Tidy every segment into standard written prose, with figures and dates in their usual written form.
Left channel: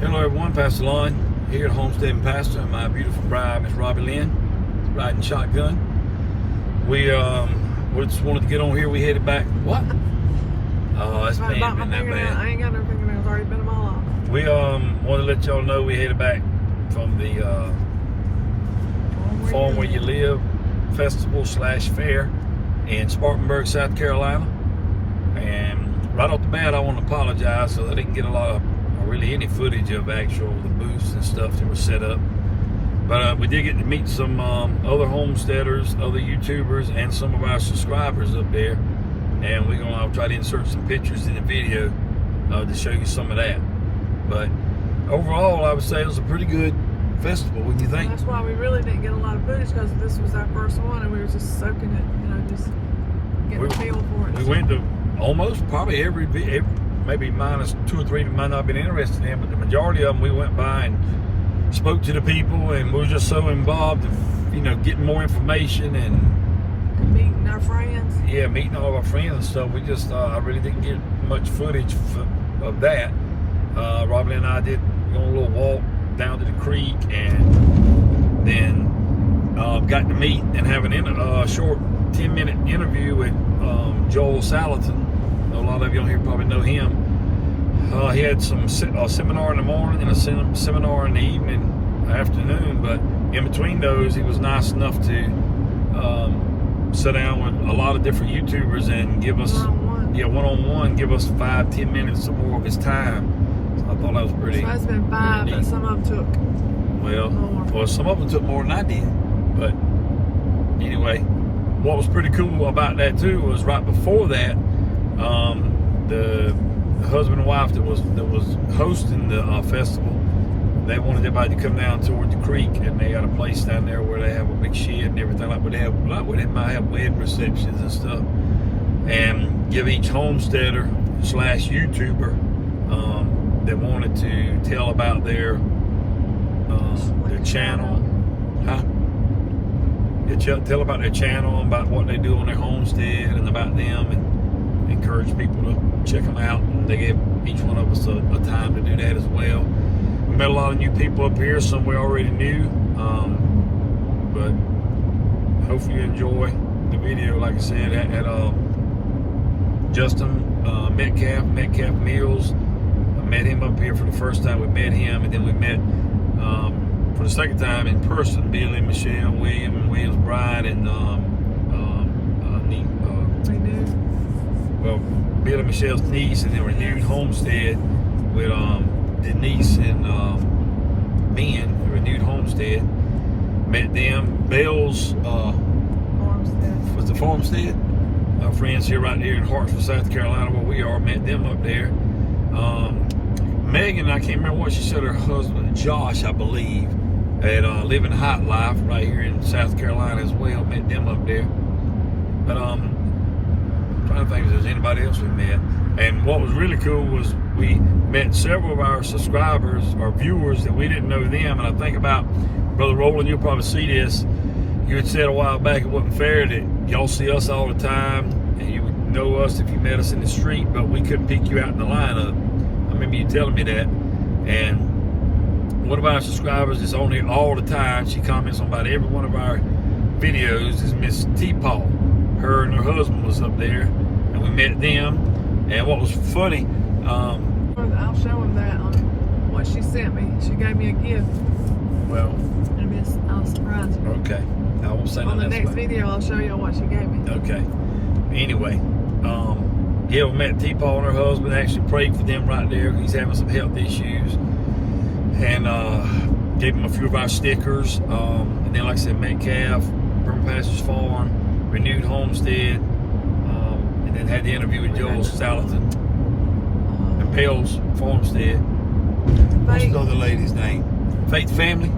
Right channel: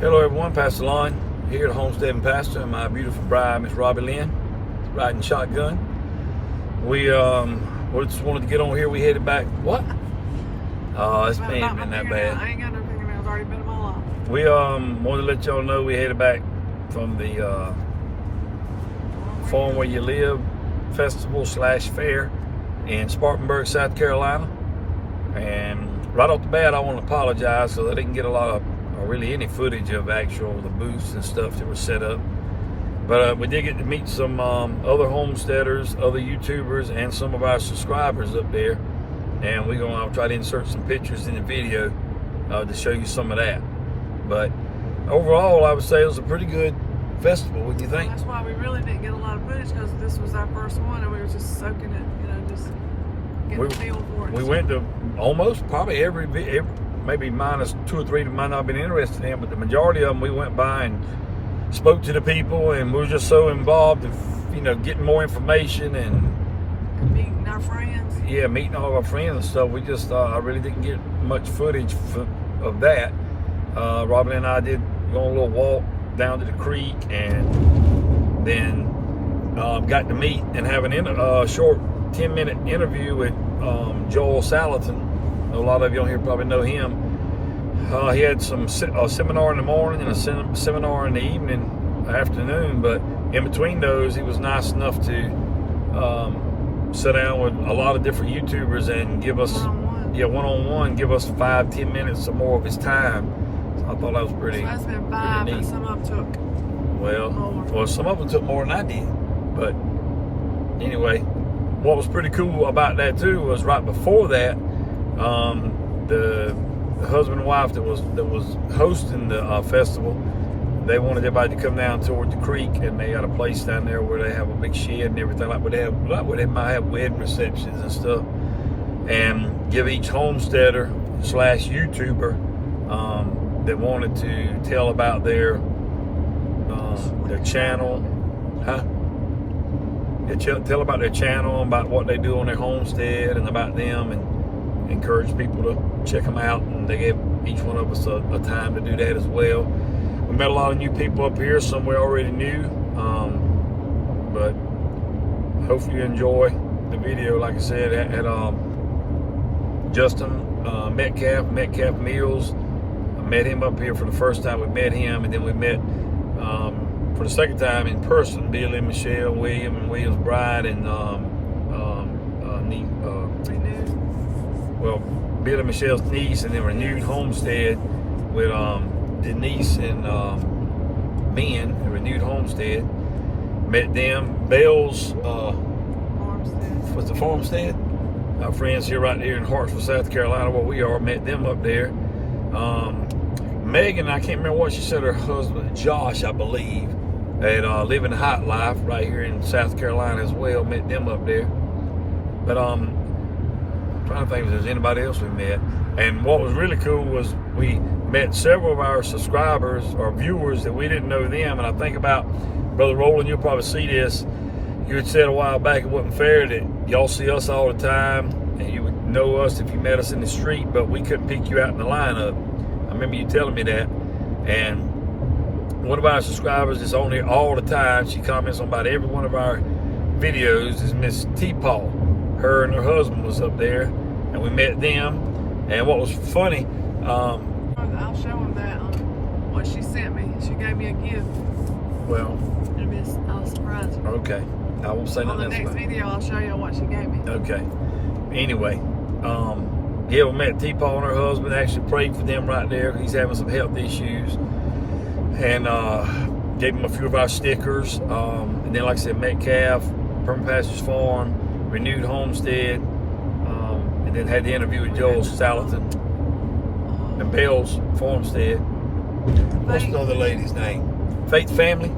Hello everyone, Pastor Lon here at Homestead and Pasture, and my beautiful bride, Miss Robbie Lynn, riding shotgun. We just wanted to get on here. We headed back. What? Oh, it's been that bad. I ain't got no fingernails. Already been them all off. We wanted to let y'all know we headed back from the Farm Where You Live festival / fair in Spartanburg, South Carolina. And right off the bat, I want to apologize so that I didn't get a lot of really any footage of actual the booths and stuff that were set up, but we did get to meet some other homesteaders, other YouTubers, and some of our subscribers up there, and I'll try to insert some pictures in the video to show you some of that. But overall, I would say it was a pretty good festival. What do you think? That's why we really didn't get a lot of footage, because this was our first one and we were just soaking it, just getting a feel for it. We went to almost probably every maybe minus 2 or 3 that might not have been interested in, but the majority of them we went by and spoke to the people, and we were just so involved in, getting more information and meeting our friends. Yeah, meeting all our friends and stuff. We just, I really didn't get much footage of that. Robin and I did go on a little walk down to the creek, and then got to meet and have a short 10-minute interview with Joelsalatin. A lot of you on here probably know him. He had a seminar in the morning and a seminar in the afternoon, but in between those, he was nice enough to sit down with a lot of different YouTubers and give us, one-on-one, give us 5-10 minutes or more of his time. So I thought that was pretty. So that's been 5, but some of them took well, some of them took more than I did. But anyway, what was pretty cool about that too was right before that, the husband and wife that was hosting the festival, they wanted everybody to come down toward the creek, and they got a place down there where they have a big shed and everything like where they might have wedding receptions and stuff, and give each homesteader / YouTuber that wanted to tell about their channel, They tell about their channel, about what they do on their homestead, and about them, and encourage people to check them out. And they gave each one of us a time to do that as well. We met a lot of new people up here. Some we already knew, but hopefully you enjoy the video. Like I said, at Justin Metcalf Mills. I met him up here for the first time. We met him, and then we met for the second time in person, Billy and Michelle, Williams Bride, and Billy and Michelle's niece, and then Renewed Homestead with Denise and Ben, Renewed Homestead. Met them. Bell's Farmstead. What's the Farmstead? Our friends here right here in Hartsville, South Carolina, where we are. Met them up there. Megan, I can't remember what she said, her husband Josh, I believe, at Living Hot Life right here in South Carolina as well. Met them up there. But I'm trying to think if there's anybody else we met. And what was really cool was we met several of our subscribers or viewers that we didn't know them. And I think about, Brother Roland, you'll probably see this. You had said a while back it wasn't fair that y'all see us all the time and you would know us if you met us in the street, but we couldn't pick you out in the lineup. I remember you telling me that. And one of our subscribers is on here all the time. She comments on about every one of our videos. Is Miss T-Paul. Her and her husband was up there, and we met them. And what was funny, I'll show him that what she sent me. She gave me a gift. Well, I'll surprise you. Okay, I won't say on the next video. I'll show you what she gave me. Okay. Anyway, yeah, we met T-Paul and her husband. Actually prayed for them right there because he's having some health issues, and gave him a few of our stickers. And then, like I said, Metcalf, Permapasturesfarm, Renewed Homestead, and then had the interview with Joelsalatin, the Bell's Farmstead. What's the other lady's name? Faith Family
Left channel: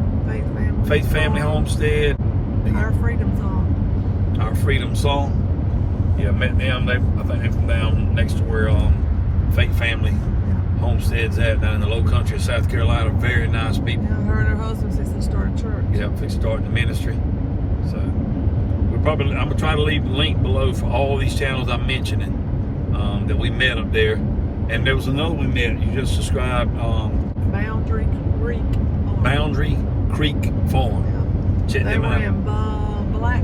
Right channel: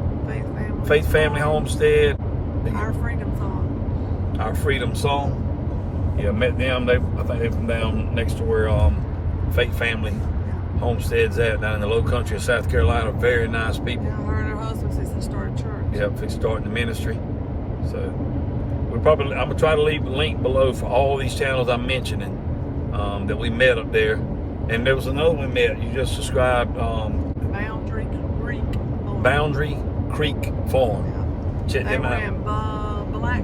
Homestead. Our Freedom Song. Yeah, met them. I think they're from down next to where Faith Family Homestead's at, down in the low country of South Carolina. Very nice people. Yeah, her and her husband since they started church. Yeah, since starting the ministry. So I'm gonna try to leave a link below for all these channels I'm mentioning that we met up there. And there was another we met. You just described Boundary Creek. Boundary Creek Farm. Yeah. Check They them were out. in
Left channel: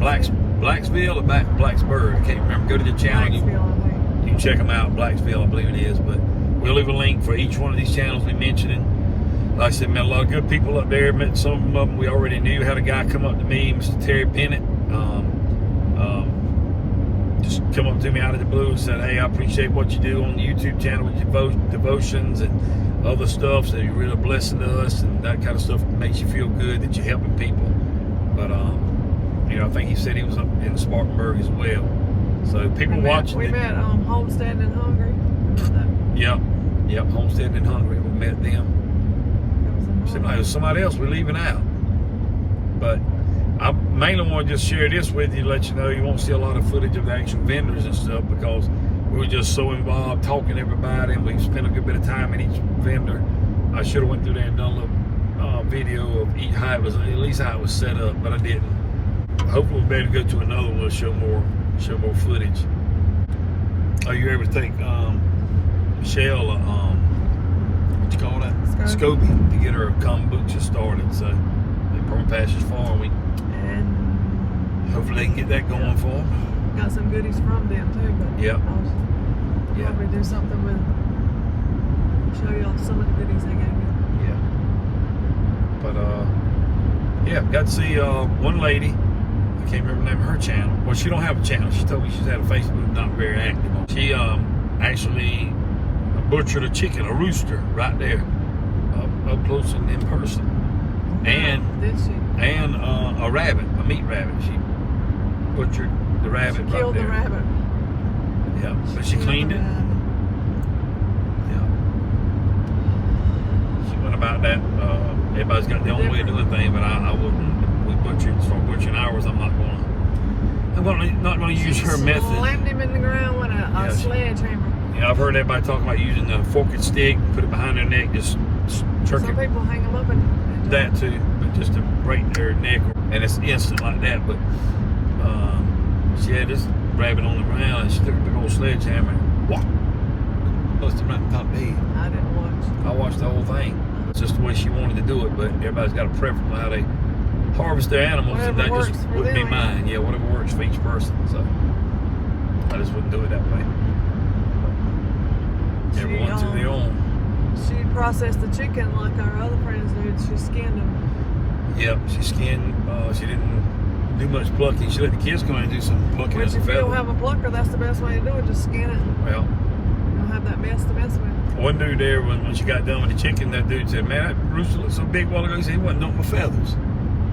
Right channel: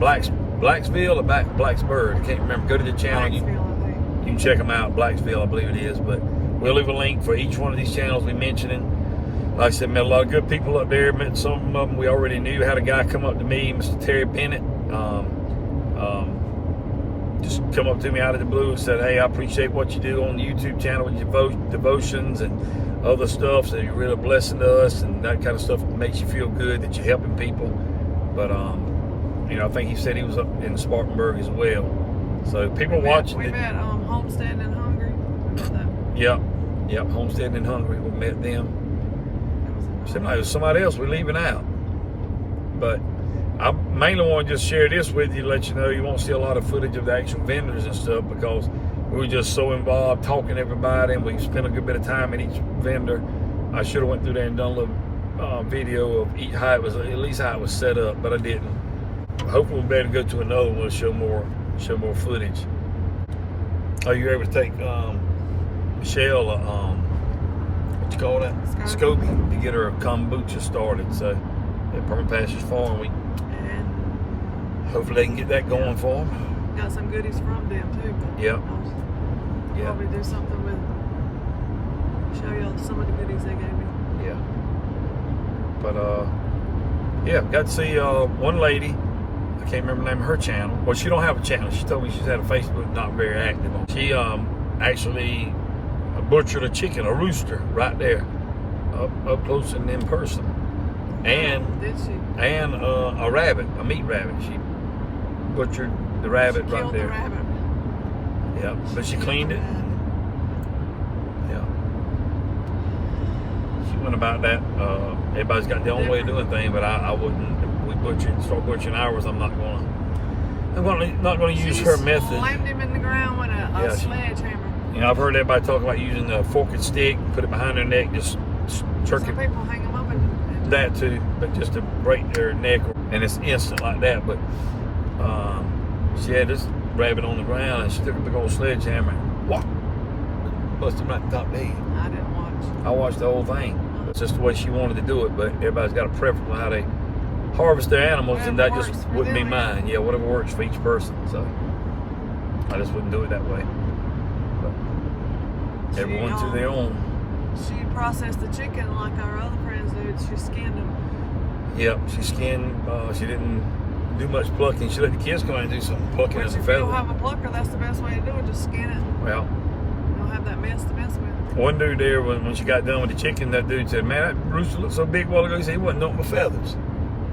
Blacksville Blacksville or Blacksburg. I can't remember. Go to the channel. I think. You can check them out. Blacksville, I believe it is. But we'll leave a link for each one of these channels we mentioning. Like I said, met a lot of good people up there. Met some of them we already knew. Had a guy come up to me, Mr. Terry Pennant. Just come up to me out of the blue and said, hey, I appreciate what you do on the YouTube channel with your devotions and other stuff. So you're really blessing us, and that kind of stuff makes you feel good that you're helping people. But you know, I think he said he was up in Spartanburg as well. So people watching. We met Homesteading and Hungry. Yep, Homesteading and Hungry. We met them. So no, somebody else we're leaving out. But I mainly want to just share this with you to let you know you won't see a lot of footage of the actual vendors and stuff, because we were just so involved talking to everybody, and we spent a good bit of time in each vendor. I should have went through there and done a little video of each, how it was, at least how it was set up, but I didn't. Hopefully we'll be able to go to another one and show more footage. Oh, you're able to take Michelle what you call that? Scobie, to get her kombucha started. So at permapasturesfarm, and hopefully they can get that going for them. Got some goodies from them too. But Yep. I'll probably do something with, show y'all some of the goodies they gave me. Yeah. But yeah, got to see one lady. I can't remember the name of her channel. Well, she don't have a channel. She told me she's had a Facebook, not very active. She actually butchered a chicken, a rooster, right there, up close and in person, and a rabbit, a meat rabbit. She butchered the rabbit right there. Killed the rabbit. Yeah, but she cleaned it. Yeah. She went about that. Everybody's got their own way of doing things, but I wouldn't. Start butchering ours. I'm not going to use her method. She slammed him in the ground with a sledgehammer. You know, I've heard everybody talk about using the fork and stick, put it behind their neck, just jerk it. Some people hang them up and that too, but just to break their neck, and it's instant like that. But she had this rabbit on the ground, and she took a big old sledgehammer and whop, busted him right in the top of the head. I didn't watch. I watched the whole thing. It's just the way she wanted to do it, but everybody's got a preference on how they harvest their animals, Whatever and that just works for wouldn't be them. mine. Yeah, whatever works for each person. So I just wouldn't do it that way. Everyone to their own. She processed the chicken like our other friends did. She skinned them. Yep, she skinned. She didn't do much plucking. She let the kids come out and do some plucking. Which, if you don't have a plucker, that's the best way to do it. Just skin it. Well, you don't have that mess to mess with. One dude there, when she got done with the chicken, that dude said, "Man, that rooster looked so big a while ago." He said he wasn't on my feathers.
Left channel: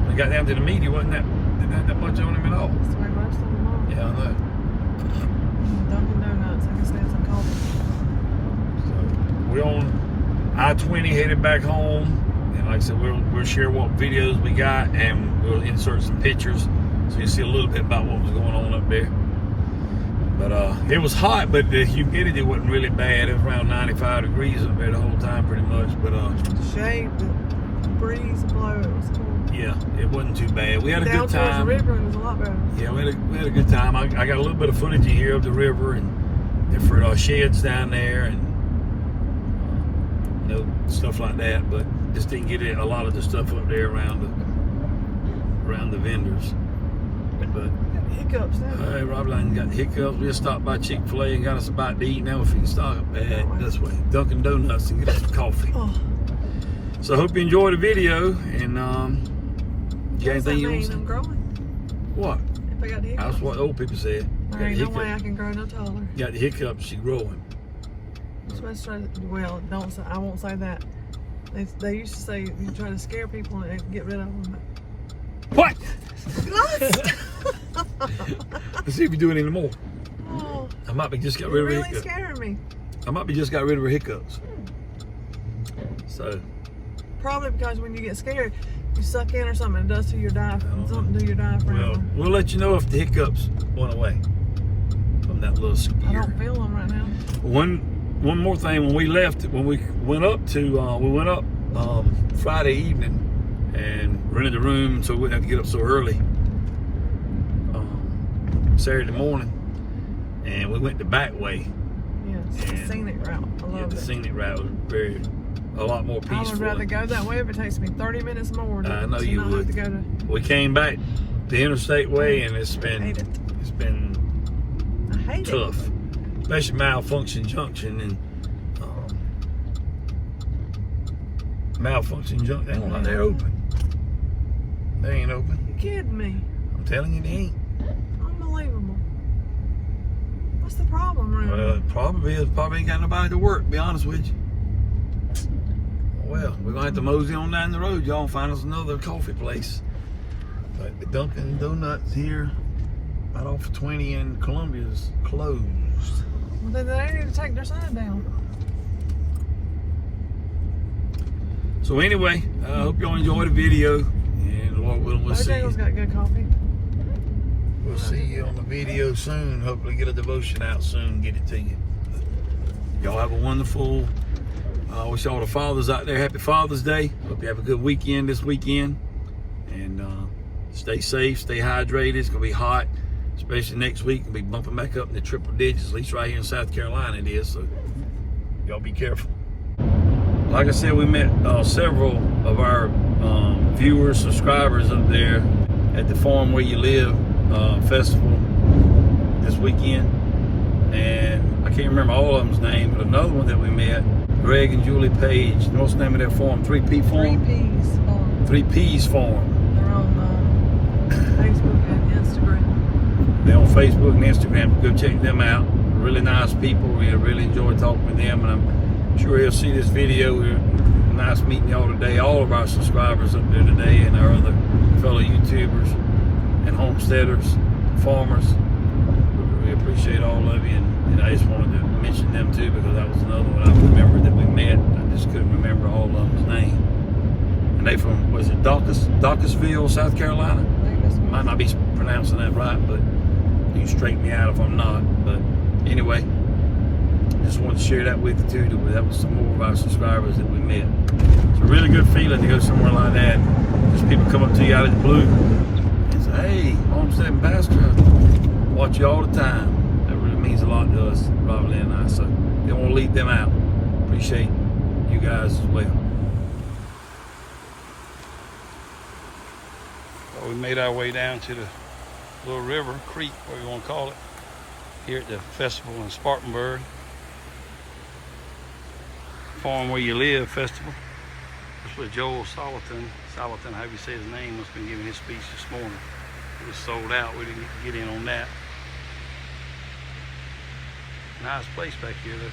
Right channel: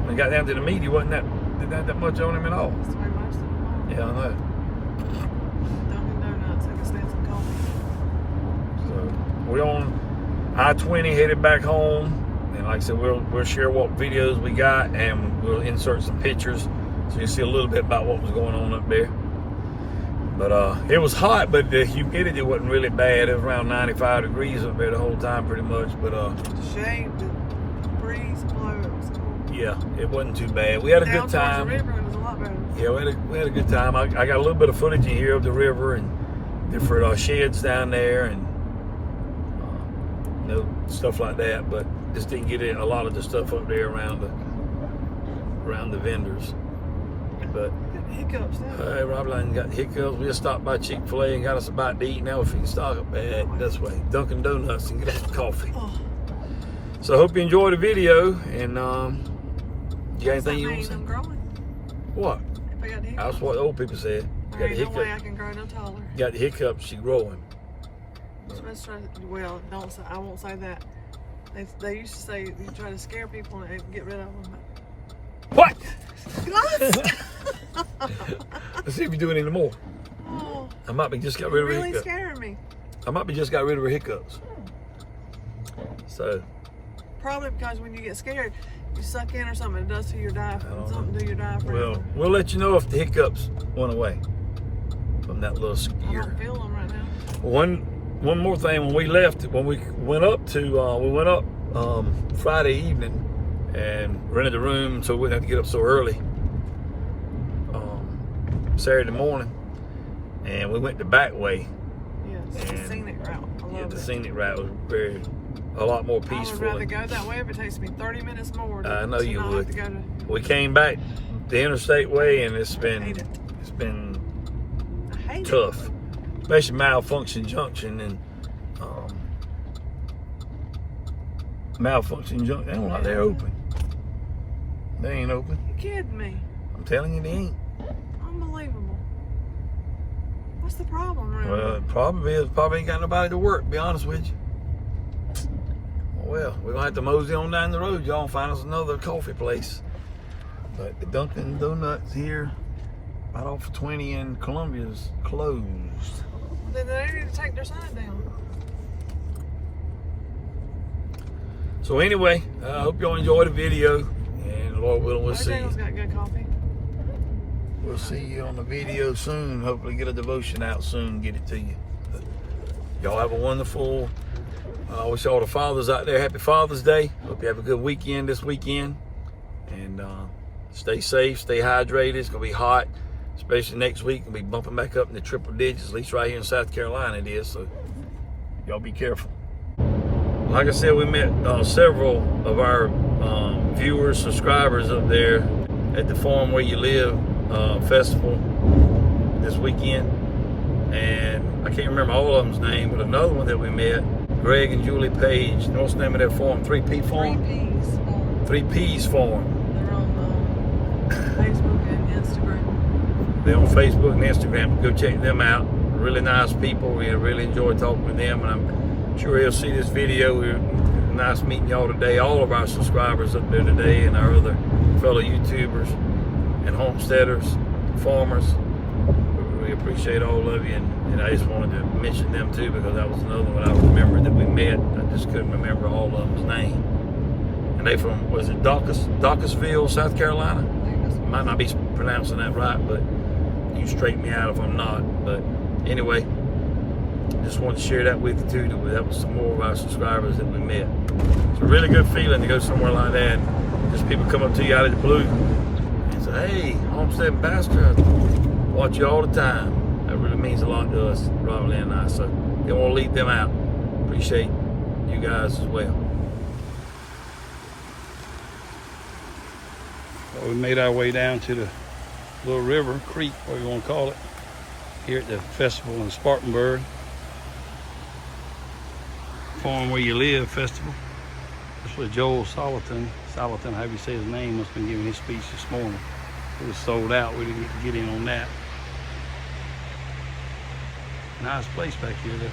When he got down to the meat, he wasn't didn't have that much on him at all. That's the way most of them are. Yeah, I know. Dunkin' Donuts. I can say some coffee. We're on I-20 headed back home, and like I said, we'll share what videos we got, and we'll insert some pictures so you see a little bit about what was going on up there. But it was hot, but the humidity wasn't really bad. It was around 95 degrees up there the whole time, pretty much. But shade, the breeze blew. It was cool. Yeah, it wasn't too bad. We had a good time. Down towards the river, it was a lot better. Yeah, we had a good time. I got a little bit of footage in here of the river and different sheds down there, and you know, stuff like that. But just didn't get a lot of the stuff up there around the vendors. But hiccups there. Rob Lang got hiccups. We just stopped by Chick-fil-A and got us a bite to eat. Now if we can stock up this way, Dunkin' Donuts, and get us some coffee. Oh. So I hope you enjoyed the video, and you got anything you want to say? I'm growing. What? If I got the hiccups. That's what old people said. There ain't no way I can grow no taller. Got the hiccups, she growing. I'm supposed to try to, well, don't say, I won't say that. They used to say you try to scare people and get rid of them. What? What? Let's see if you do it anymore. Oh, I might be just got rid of her really hiccups. scaring me. I might be just got rid of her hiccups. So. Probably because when you get scared, you suck in or something, it does to your diaphragm. Something to your diaphragm. Well, we'll let you know if the hiccups went away from that little scare. I don't feel them right now. One more thing, when we left, when we went up Friday evening and rented the room, so we wouldn't have to get up so early Saturday morning, and we went the back way. Yes, the scenic route. I love the it. scenic route was very, a lot more peaceful. I would rather go that way if it takes me 30 minutes more. I know you would. Have to go to, we came back the interstate way, and it's been tough, especially Malfunction Junction and Malfunction Junction. They ain't like they're open. They ain't open. You kidding me? I'm telling you, they ain't. Unbelievable. What's the problem, really? Well, the problem is probably ain't got nobody to work. To be honest with you. Well, we're gonna have to mosey on down the road, y'all, and find us another coffee place. But the Dunkin' Donuts here, right off of 20 in Columbia, is closed. Well, then they ain't gonna take their sign down. So anyway, I hope y'all enjoyed the video, and Lord willing, we'll see you. Got good coffee. We'll see you on the video soon. Hopefully get a devotion out soon, get it to you. Y'all have a wonderful, I wish all the fathers out there happy Father's Day. Hope you have a good weekend this weekend. And stay safe, stay hydrated. It's gonna be hot, especially next week. We'll be bumping back up in the triple digits, at least right here in South Carolina it is. So y'all be careful. Like I said, we met several of our viewers, subscribers up there at the Farm Where You Live festival this weekend. And I can't remember all of them's name, but another one that we met, Greg and Julie Page. What's the name of that farm? 3P Farm? 3Ps Farm. 3Ps Farm. They're on Facebook and Instagram. They're on Facebook and Instagram. Go check them out. Really nice people. We really enjoyed talking with them, and I'm sure you'll see this video. We're nice meeting y'all today. All of our subscribers up there today, and our other fellow YouTubers and homesteaders, farmers. We really appreciate all of you, and I just wanted to mention them too, because that was another one I remembered that we met. I just couldn't remember all of them's name. And they from, was it Dawkesville, South Carolina? Might not be pronouncing that right, but you can straighten me out if I'm not. But anyway, just wanted to share that with you too. That was some more of our subscribers that we met. It's a really good feeling to go somewhere like that. Just people come up to you out of the blue and say, hey, Homestead and Pasture, I watch you all the time. That really means a lot to us, Robin and I. So don't want to leave them out. Appreciate you guys as well. Well, we made our way down to the little river, creek, whatever you want to call it, here at the festival in Spartanburg. Farm Where You Live festival. This was Joelsalatin, however you say his name, must have been giving his speech this morning. It was sold out. We didn't get in on that. Nice place back here though.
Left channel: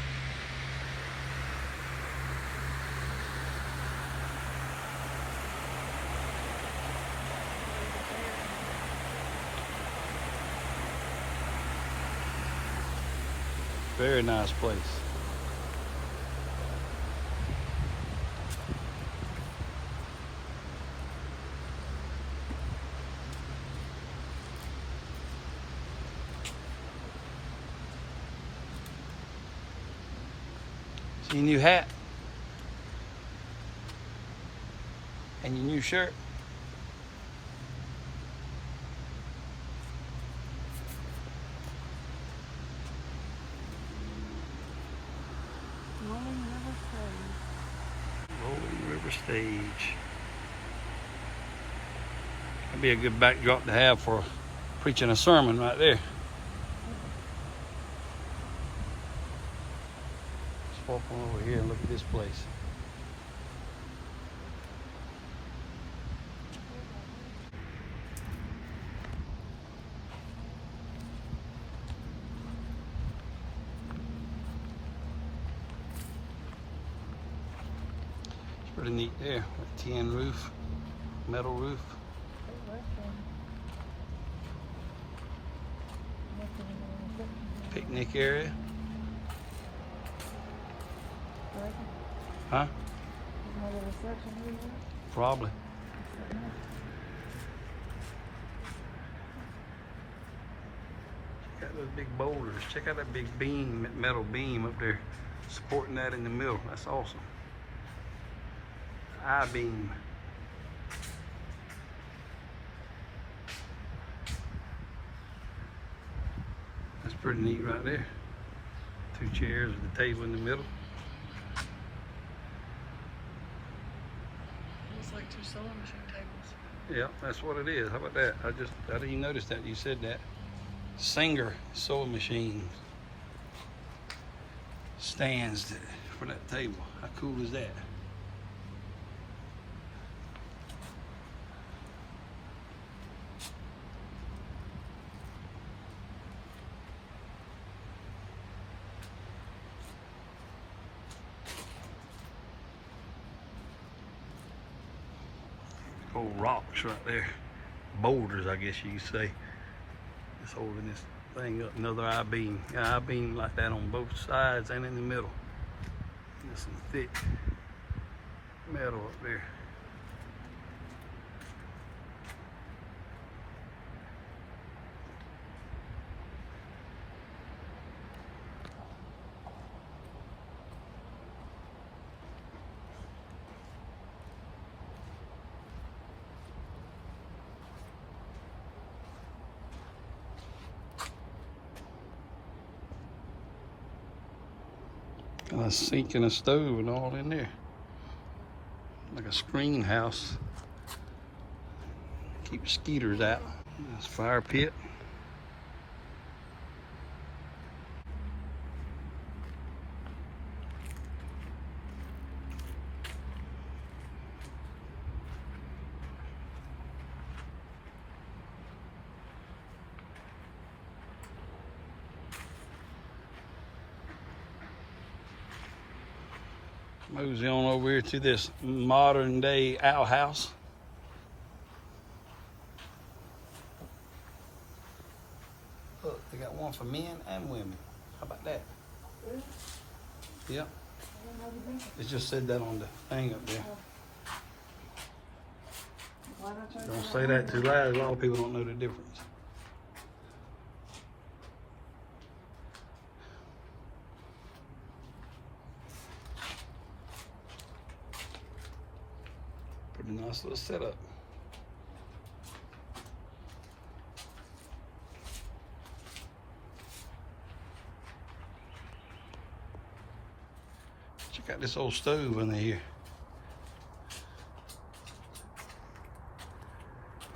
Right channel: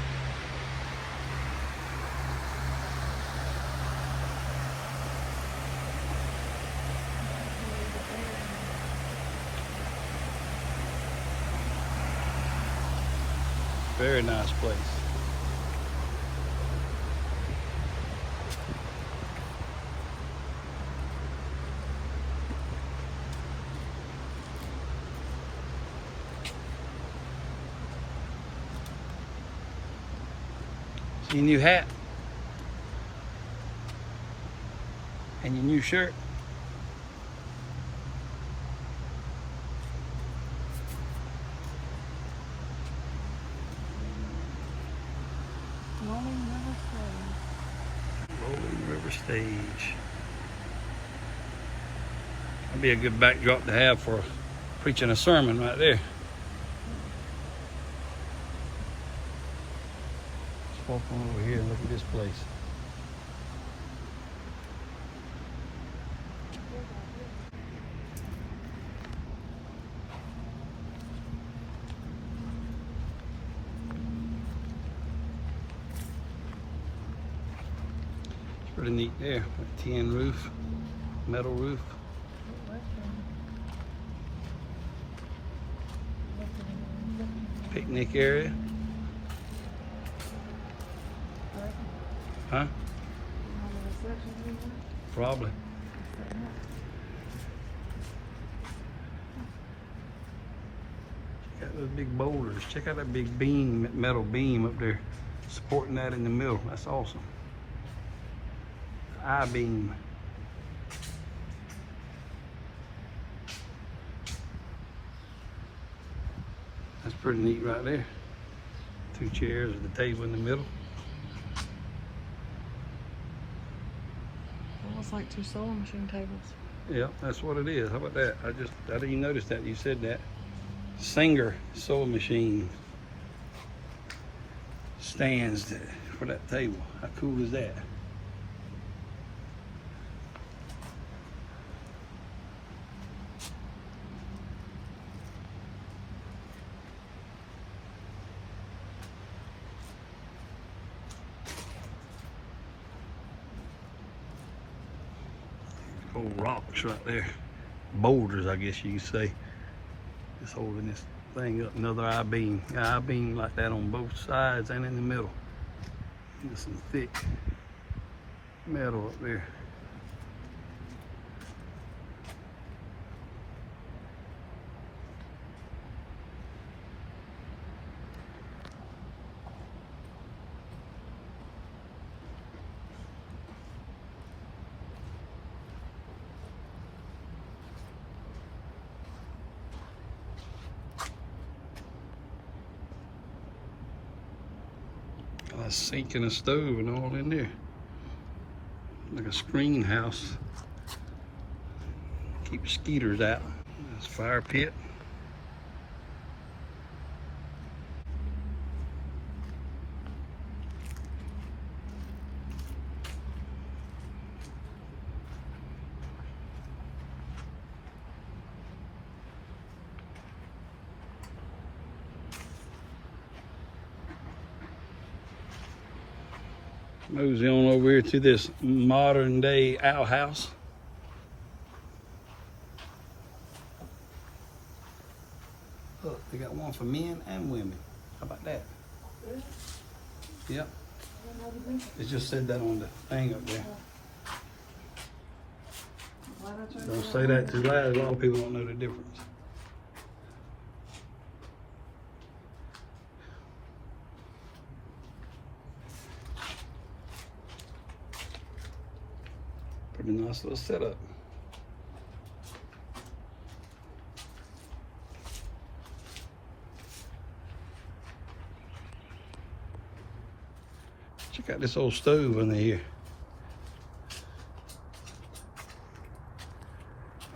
Very nice place. See your new hat and your new shirt. Rolling River Stage. That'd be a good backdrop to have for preaching a sermon right there. Let's walk over here and look at this place. Pretty neat there, a tin roof, metal roof. Picnic area. Huh? Probably. Check out those big boulders. Check out that big beam, that metal beam up there, supporting that in the middle. That's awesome. I-beam. That's pretty neat right there. Two chairs with a table in the middle. Looks like 2 sewing machine tables. Yeah, that's what it is. How about that? I didn't even notice that you said that. Singer sewing machine stands for that table. How cool is that? Old rocks right there. Boulders, I guess you could say. Just holding this thing up. Another I-beam. Yeah, I-beam like that on both sides and in the middle. There's some thick metal up there. A sink and a stove and all in there. Like a screen house. Keep mosquitoes out. This fire pit. Moves on over here to this modern day outhouse. Look, they got one for men and women. How about that? Yep. It just said that on the thing up there. Don't say that too loud. A lot of people don't know the difference. Pretty nice little setup. Check out this old stove in here.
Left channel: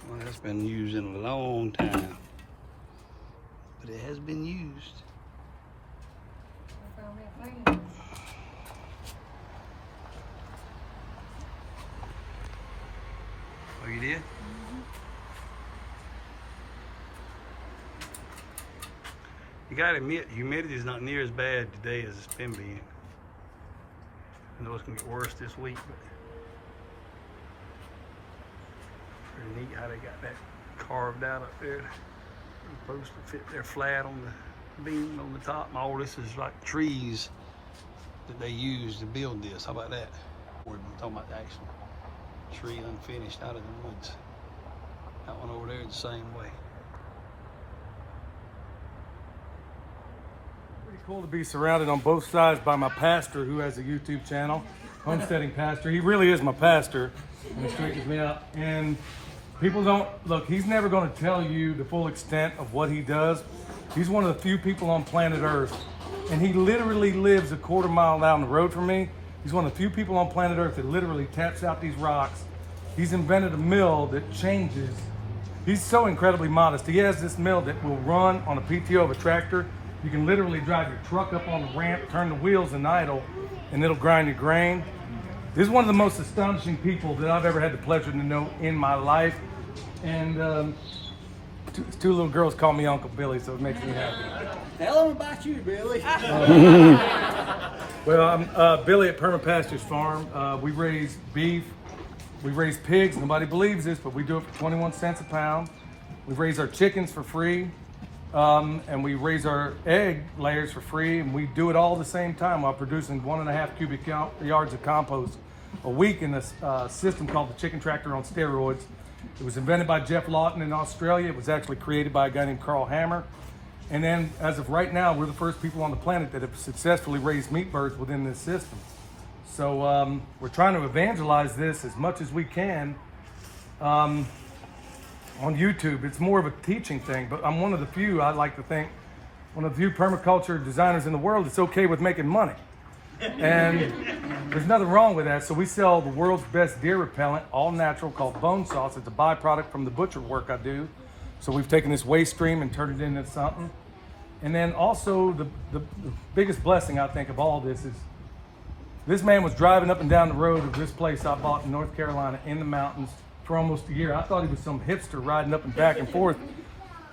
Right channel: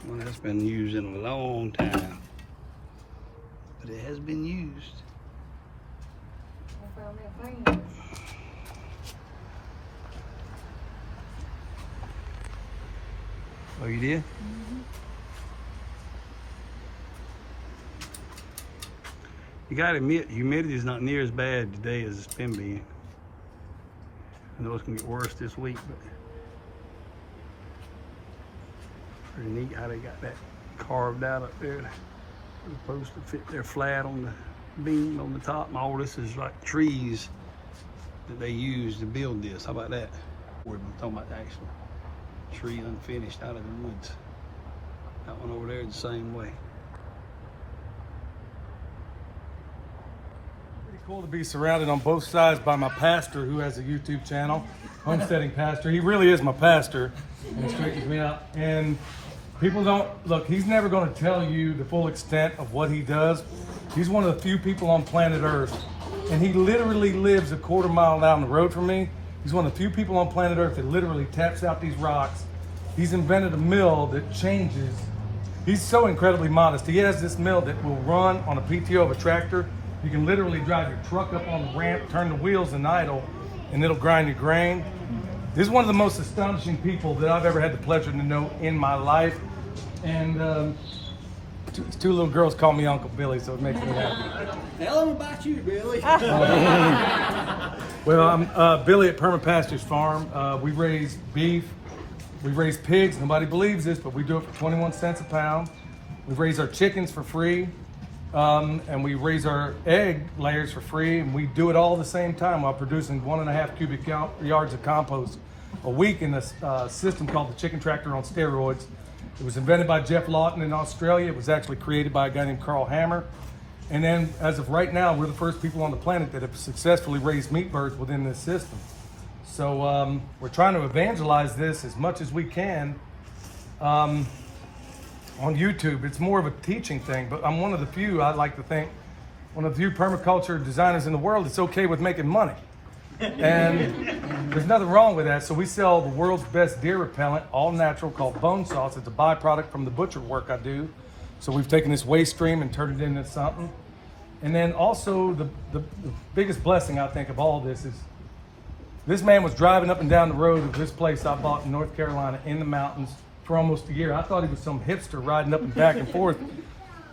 Well, that's been used in a long time, but it has been used. Oh, you did? Mm-hmm. You gotta admit, humidity is not near as bad today as it's been being. I know it's gonna get worse this week, but pretty neat how they got that carved out up there. Supposed to fit there flat on the beam on the top. And all this is like trees that they use to build this. How about that? We're talking about the actual tree unfinished out of the woods. That one over there is the same way. Pretty cool to be surrounded on both sides by my pastor, who has a YouTube channel, Homesteading Pastor. He really is my pastor, and he straightens me out. And people don't, look, he's never going to tell you the full extent of what he does. He's one of the few people on planet Earth, and he literally lives a quarter mile down the road from me. He's one of the few people on planet Earth that literally taps out these rocks. He's invented a mill that changes. He's so incredibly modest. He has this mill that will run on a PTO of a tractor. You can literally drive your truck up on the ramp, turn the wheels and idle, and it'll grind your grain. This is one of the most astonishing people that I've ever had the pleasure to know in my life. And two little girls call me Uncle Billy, so it makes me happy. Tell them about you, Billy. Well, I'm Billy at permapasturesfarm. We raise beef, we raise pigs. Nobody believes this, but we do it for 21 cents a pound. We raise our chickens for free, and we raise our egg layers for free, and we do it all at the same time while producing 1.5 cubic yards of compost a week in a system called the Chicken Tractor on steroids. It was invented by Jeff Lawton in Australia. It was actually created by a guy named Carl Hammer. And then, as of right now, we're the first people on the planet that have successfully raised meat birds within this system. So we're trying to evangelize this as much as we can on YouTube. It's more of a teaching thing, but I'm one of the few, I like to think, one of the few permaculture designers in the world that's okay with making money. And there's nothing wrong with that. So we sell the world's best deer repellent, all natural, called bone salts. It's a byproduct from the butcher work I do. So we've taken this waste stream and turned it into something. And then also the biggest blessing I think of all this is this man was driving up and down the road of this place I bought in North Carolina in the mountains for almost a year. I thought he was some hipster riding up and back and forth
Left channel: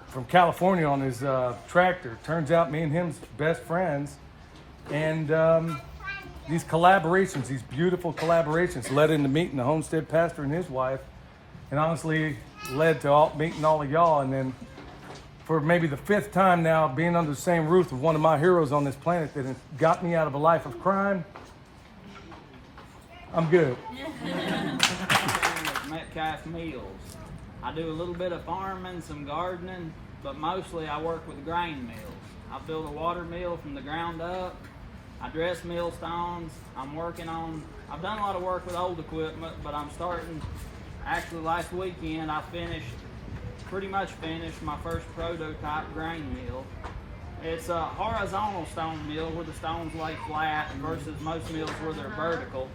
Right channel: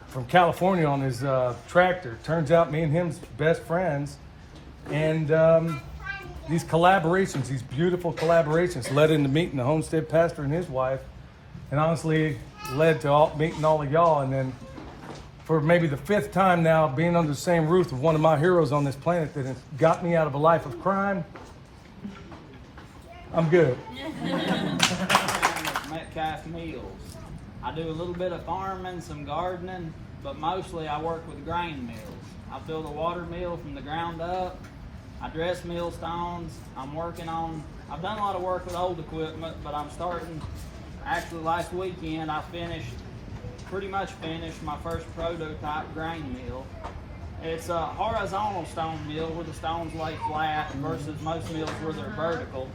from California on his tractor. Turns out me and him's best friends. And these collaborations, these beautiful collaborations led into meeting the homestead pastor and his wife, and honestly led to meeting all of y'all. And then for maybe the 5th time now, being under the same roof with one of my heroes on this planet that has got me out of a life of crime, I'm good. Metcalf Mills. I do a little bit of farming, some gardening, but mostly I work with grain mills. I build a water mill from the ground up. I dress millstones. I've done a lot of work with old equipment, but I'm starting, actually last weekend I pretty much finished my first prototype grain mill. It's a horizontal stone mill where the stones lay flat versus most mills where they're vertical.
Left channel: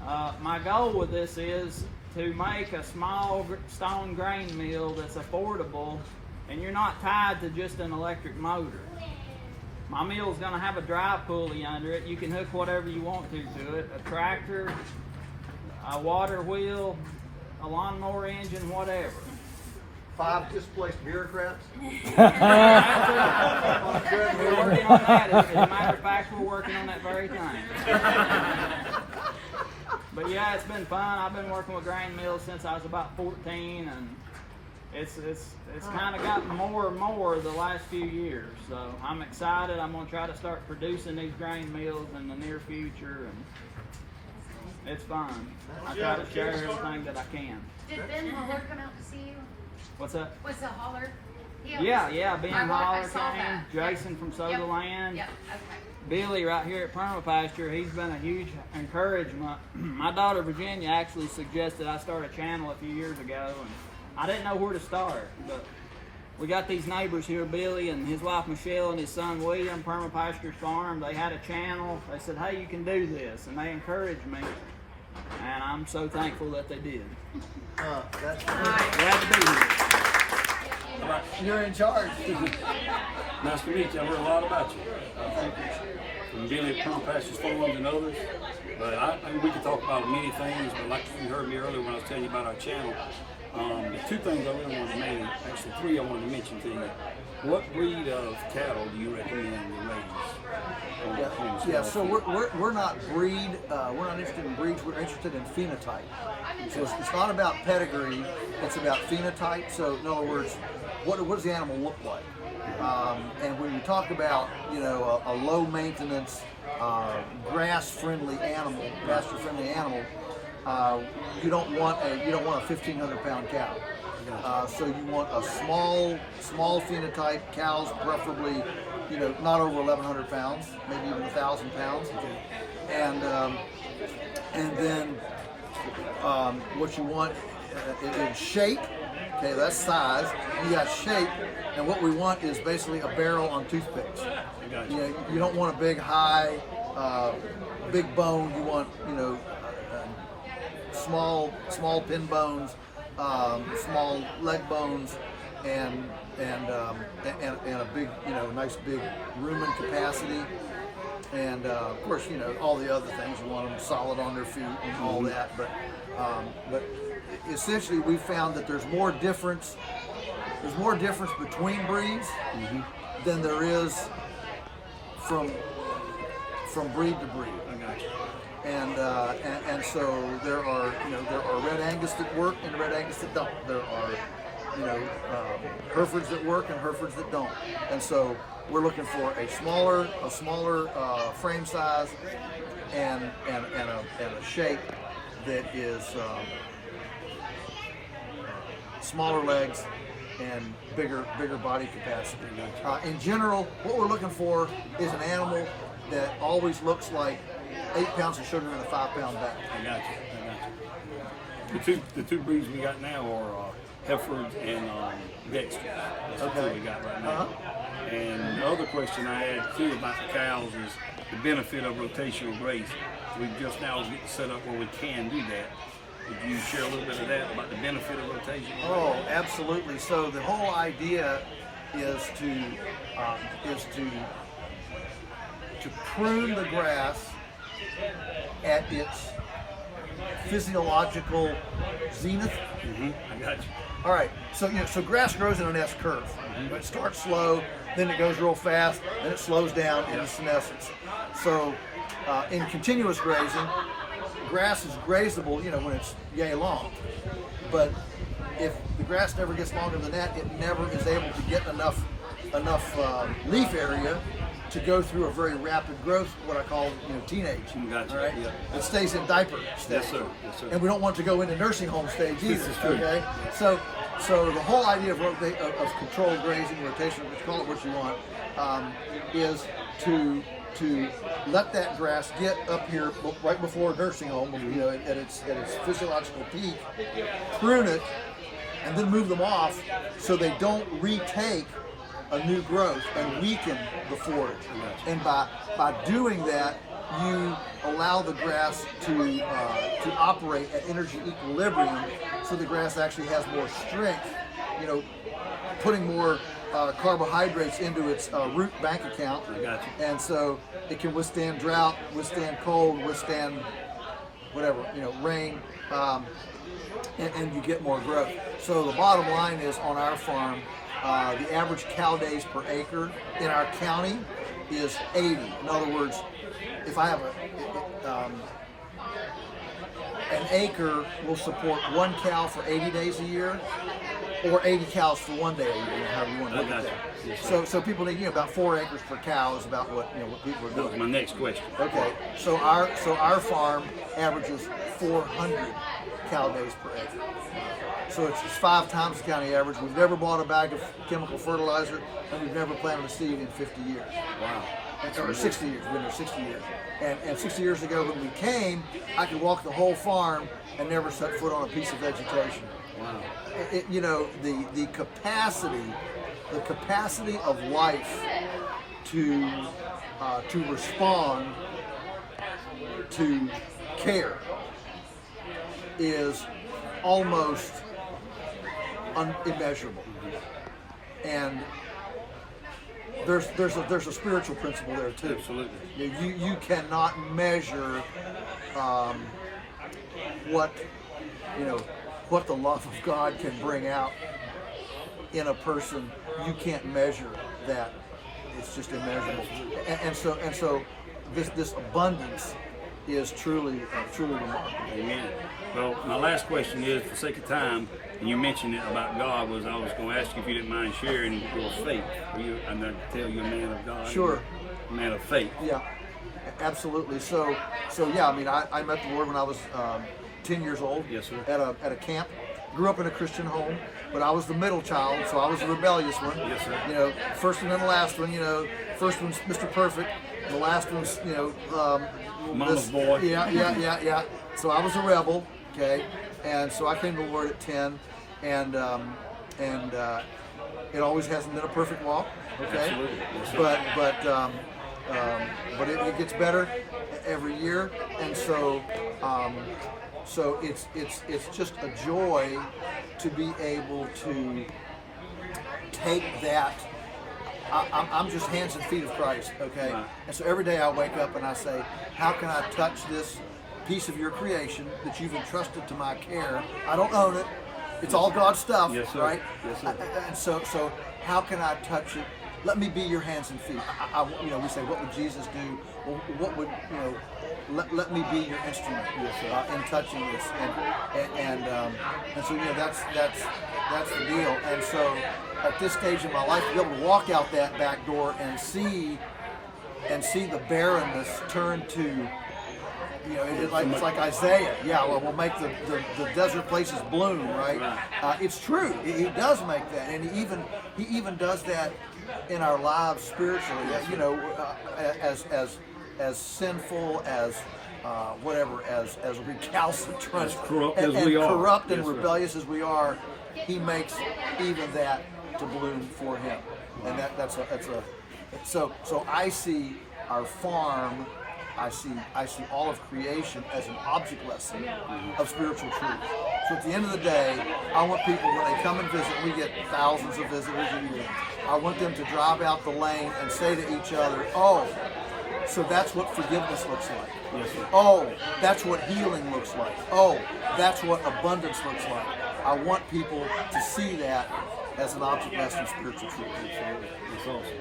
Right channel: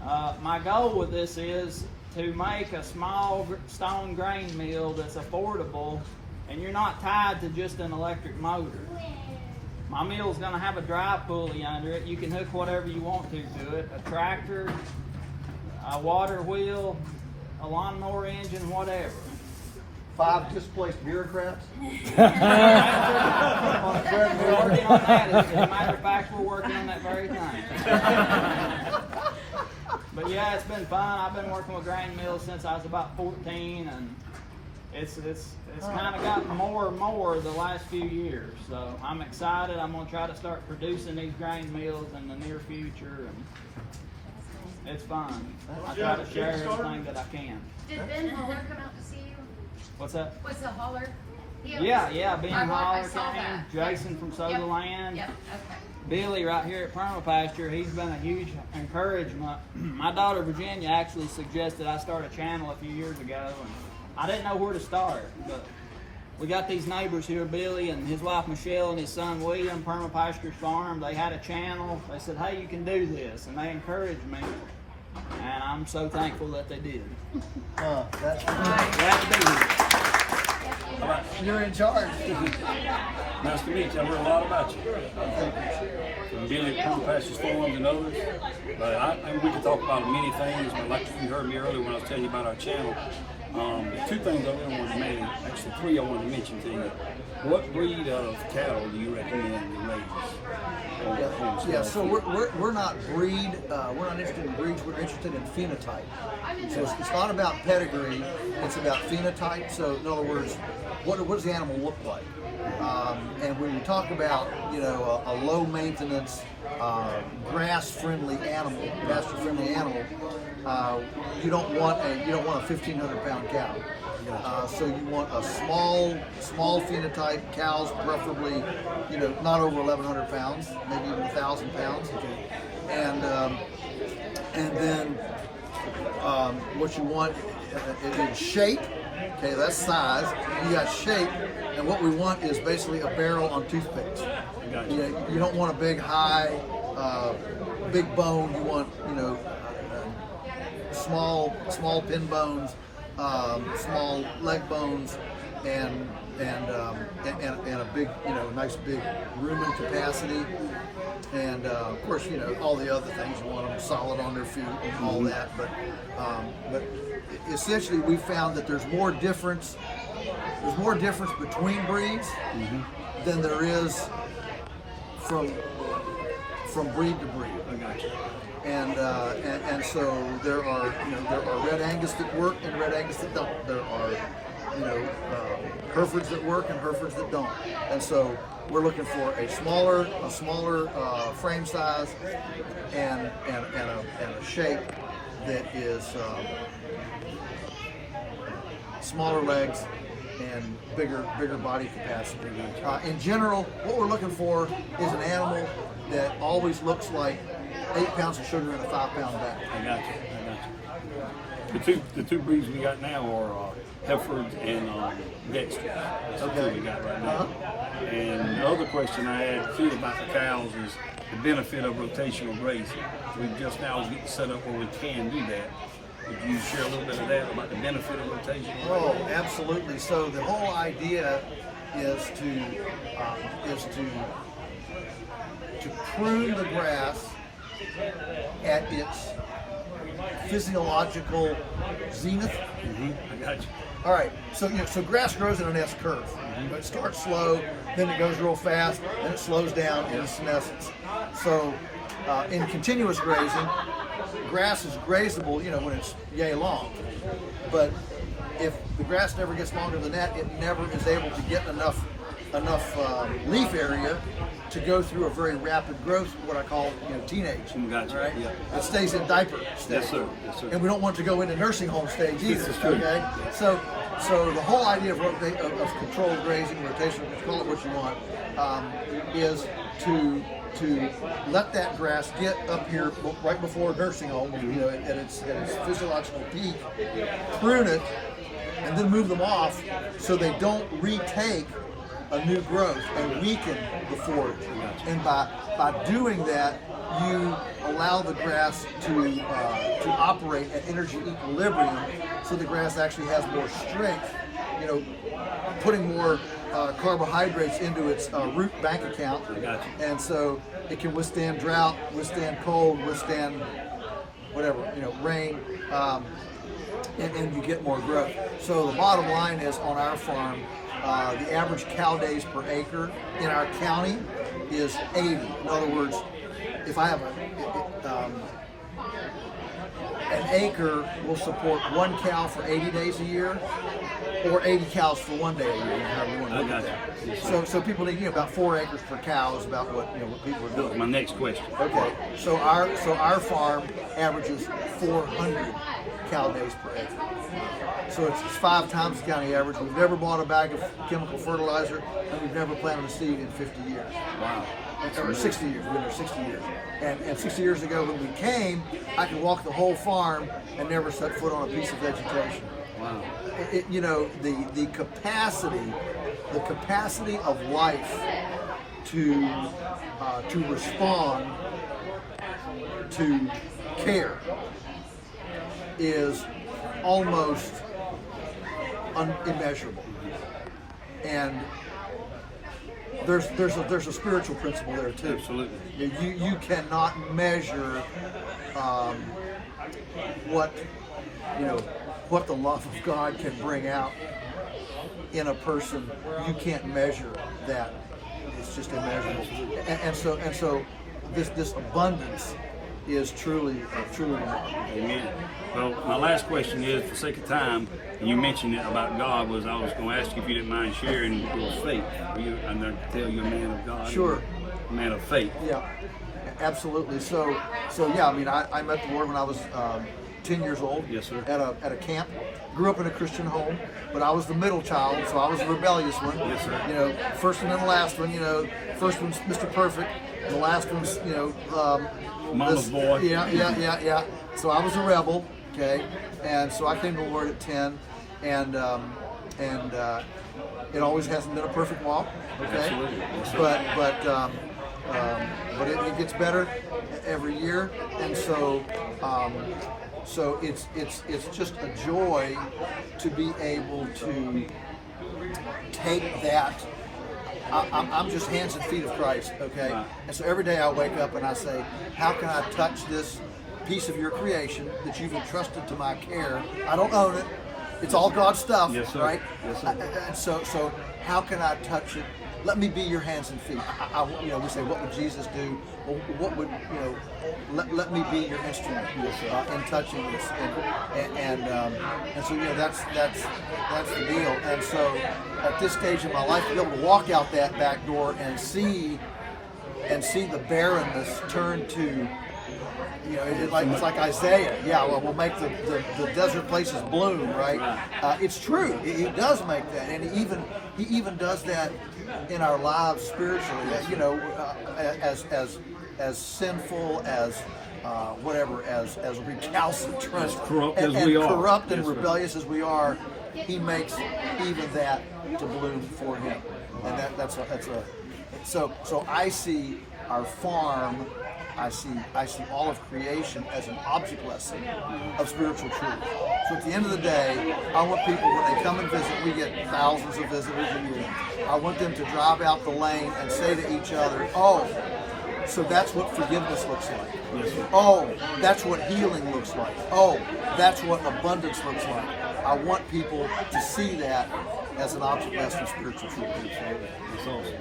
My goal with this is to make a small stone grain mill that's affordable and you're not tied to just an electric motor. My mill is going to have a drive pulley under it. You can hook whatever you want to it. A tractor, a water wheel, a lawnmower engine, whatever. 5 displaced bureaucrats. We're working on that. As a matter of fact, we're working on that very thing. But yeah, it's been fun. I've been working with grain mills since I was about 14, and it's kind of gotten more and more the last few years. So I'm excited. I'm going to try to start producing these grain mills in the near future, and it's fun. I try to share everything that I can. Did Ben Holler come out to see you? What's that? What's the Holler? Yeah, Ben I Holler saw came, that. Jason from Sutherland. Yep, okay. Billy right here at Perma Pasture, he's been a huge encouragement. My daughter Virginia actually suggested I start a channel a few years ago, and I didn't know where to start, but we got these neighbors here, Billy and his wife Michelle and his son William, permapasturesfarm. They had a channel. They said, hey, you can do this, and they encouraged me, and I'm so thankful that they did. Glad to be here. You're in charge. Nice to meet you. I've heard a lot about you. From Billy at Perma Pastures Farms and others. But we could talk about many things, but like you heard me earlier when I was telling you about our channel, the 2 things I really wanted to mention, actually 3 I wanted to mention to you. What breed of cattle do you recommend to raise? Yeah, so we're not breed, we're not interested in breeds, we're interested in phenotype. So it's not about pedigree, it's about phenotype. So in other words, what does the animal look like? And when you talk about, a low maintenance, grass-friendly animal, pasture-friendly animal, you don't want a 1,500-pound cow. So you want a small phenotype cows, preferably, not over 1,100 pounds, maybe even 1,000 pounds. And then what you want is shape. Okay, that's size. You got shape, and what we want is basically a barrel on toothpicks. You don't want a big, high, big bone. You want, small pin bones, small leg bones, and a big, nice big rumen capacity. And of course, all the other things. You want them solid on their feet and all that. But essentially, we found that there's more difference between breeds than there is from breed to breed. I got you. And so there are Red Angus that work and Red Angus that don't. There are Herefords that work and Herefords that don't. And so we're looking for a smaller frame size and a shape that is smaller legs and bigger body capacity. In general, what we're looking for is an animal that always looks like 8 pounds of sugar in a 5-pound bag. I got you. The two breeds we got now are Herefords and Dexters. That's the 2 we got right now. And the other question I had too about the cows is, the benefit of rotational grazing. We just now get set up where we can do that. Would you share a little bit of that about the benefit of rotational grazing? Oh, absolutely. So the whole idea is to prune the grass at its physiological zenith. I got you. All right, so so grass grows in an S curve. It starts slow, then it goes real fast, then it slows down into senescence. So in continuous grazing, grass is grazable, when it's yay long. But if the grass never gets longer than that, it never is able to get enough leaf area to go through a very rapid growth, what I call teenage. Gotcha. All right? Yeah. It stays in diaper stage. Yes, sir. Yes, sir. And we don't want to go into nursing home stage either. This is true. Okay. So the whole idea of controlled grazing, rotation, call it what you want, is to let that grass get up here right before nursing home, at its physiological peak, prune it, and then move them off so they don't retake a new growth and weaken before it. And by doing that, you allow the grass to operate at energy equilibrium, so the grass actually has more strength, putting more carbohydrates into its root bank account. And so it can withstand drought, withstand cold, withstand whatever, rain, and you get more growth. So the bottom line is, on our farm, the average cow days per acre in our county is 80. In other words, if I have an acre will support one cow for 80 days a year, or 80 cows for 1 day a year, however you want to look at that. Yes, so people need about 4 acres per cow is about what people are That was doing. my next question. Okay, so our farm averages 400 cow days per acre. So it's 5 times the county average. We've never bought a bag of chemical fertilizer, and we've never planted a seed in 50 years. Wow. Or 60 years, we've been there 60 years. And 60 years ago when we came, I could walk the whole farm and never set foot on a piece of vegetation. Wow. The capacity of life to respond to care is almost immeasurable. And there's a spiritual principle there too. Absolutely. You cannot measure what the love of God can bring out in a person. You can't measure that. It's just immeasurable. And so this abundance is truly remarkable. Amen. Well, my last question is, for sake of time, and you mentioned it about God, I was going to ask you if you didn't mind sharing your faith. I'm going to tell you a man of God. Sure. A man of faith. Yeah, absolutely. So yeah, I met the Lord when I was 10 years old. Yes, sir. At a camp. Grew up in a Christian home, but I was the middle child, so I was the rebellious one. Yes, sir. First one and the last one. First one's Mr. Perfect, and the last one's Mama's boy. Yeah. So I was a rebel, okay, and so I came to the Lord at 10, and it always hasn't been a perfect walk, okay. Absolutely. Yes, sir. But it gets better every year, and so it's just a joy to be able to take that. I'm just hands and feet of Christ, okay? Right. And so every day I wake up and I say, how can I touch this piece of your creation that you've entrusted to my care? I don't own it. It's all God's stuff, Yes, sir. right? Yes, sir. And so how can I touch it? Let me be your hands and feet. We say, what would Jesus do? Well, what would, let me be your instrument in touching this. And so, that's the deal. And so at this stage in my life, to be able to walk out that back door and see the barrenness turn to, it's like Isaiah. Yeah, well, we'll make the desert places bloom, right? It's true. He does make that, and he even does that in our lives spiritually. As sinful as as recalcitrant, As corrupt and as we are. corrupt and Yes, sir. rebellious as we are, he makes even that to bloom for him, and that's so I see our farm, I see all of creation as an object lesson of spiritual truth. So at the end of the day, I want people, when they come and visit, we get thousands of visitors a year. I want them to drive out the lane and say to each other, oh, so that's what forgiveness looks like. Yes, sir. Oh, that's what healing looks like. Oh, that's what abundance looks like. I want people to see that as an object lesson of spiritual truth. Absolutely. That's awesome.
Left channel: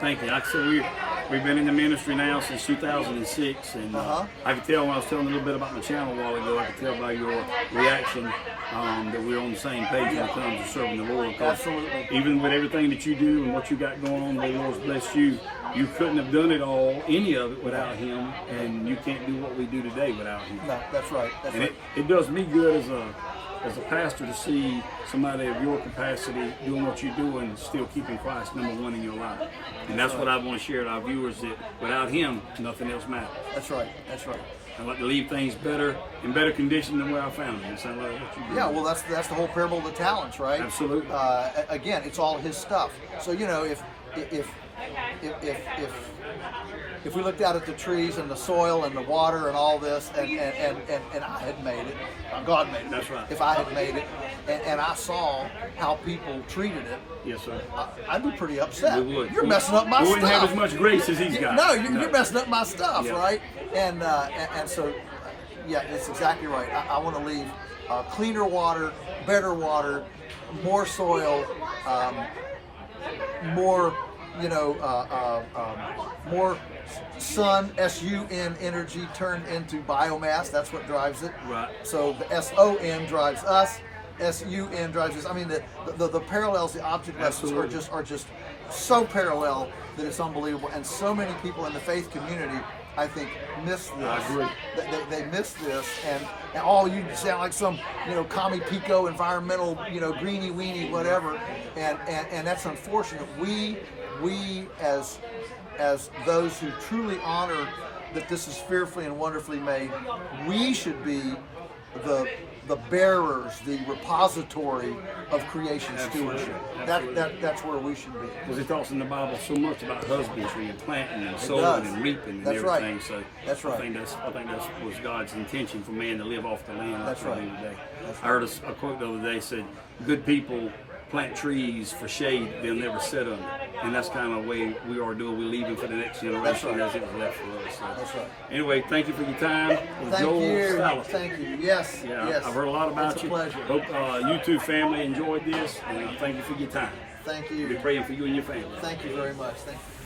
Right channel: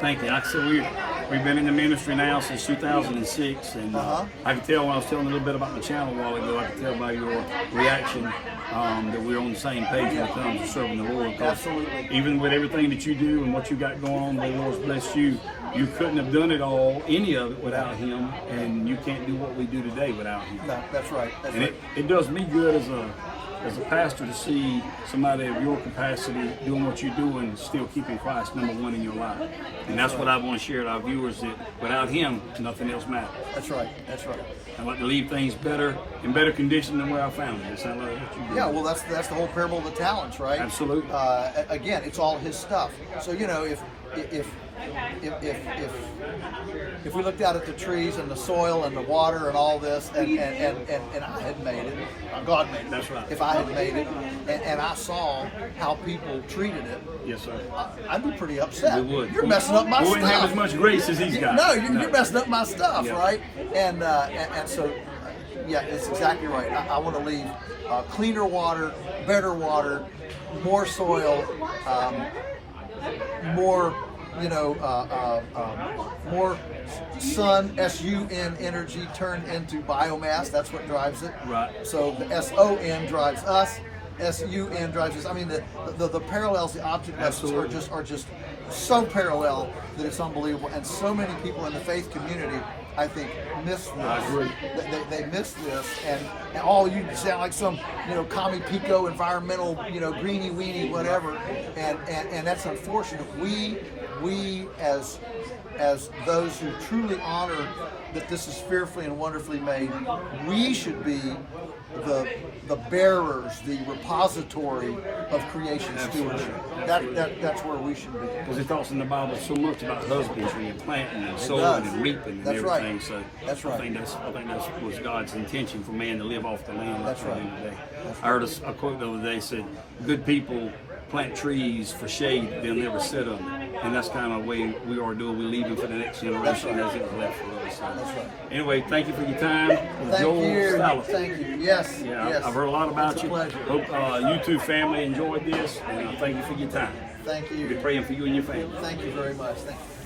Thank you. Like I said, we've been in the ministry now since 2006, and I could tell when I was telling a little bit about my channel a while ago, I could tell by your reaction that we're on the same page when it comes to serving the Lord. Absolutely. Even with everything that you do and what you got going on, the Lord's blessed you. You couldn't have done it all, any of it, without Him, and you can't do what we do today without Him. No, that's right. That's and right. it does me good as a pastor to see somebody of your capacity doing what you're doing, still keeping Christ number one in your life. And that's what I want to share with our viewers, that without Him, nothing else matters. That's right. That's right. I like to leave things in better condition than where I found them. It sounds like what you do. Yeah, well, that's the whole parable of the talents, right? Absolutely. Again, it's all His stuff. So if we looked out at the trees and the soil and the water and all this, and I had made it, God made it. That's right. If I had made it, and I saw how people treated it, Yes, sir. I'd be pretty upset. We would. You're messing up my we stuff. wouldn't have as much grace as he's got. No, you're messing up my stuff, Yeah. right? And so, yeah, it's exactly right. I want to leave cleaner water, better water, more soil, more, more sun, S-U-N energy turned into biomass. That's what drives it. Right. So the S-O-N drives us. S-U-N drives us. I mean, the parallels, the object lessons are just so parallel that it's unbelievable. And so many people in the faith community, I think, miss this. I agree. They miss this, and all you sound like some, commie pico environmental, greenie weenie, whatever, and that's unfortunate. We as those who truly honor that this is fearfully and wonderfully made, we should be the bearers, the repository of creation stewardship. That's where we should be. Because it talks in the Bible so much about husbandry and planting and sowing and reaping and That's everything. Right. So that's right. I think that was God's intention for man to live off the land. That's right. Today. That's I heard a quote the other day said, "Good people plant trees for shade, they'll never sit under." And that's kind of the way we are doing. We're leaving for the next generation as it was left for us. So. That's right. Anyway, thank you for your time. Thank you. Salatin. Thank you. Yes. Yeah, yes. I've heard a lot about It's a you. pleasure. Hope YouTube family enjoyed this, and thank you for your time. Thank We'll be you. praying for you and your family. Thank you very much. Thank you.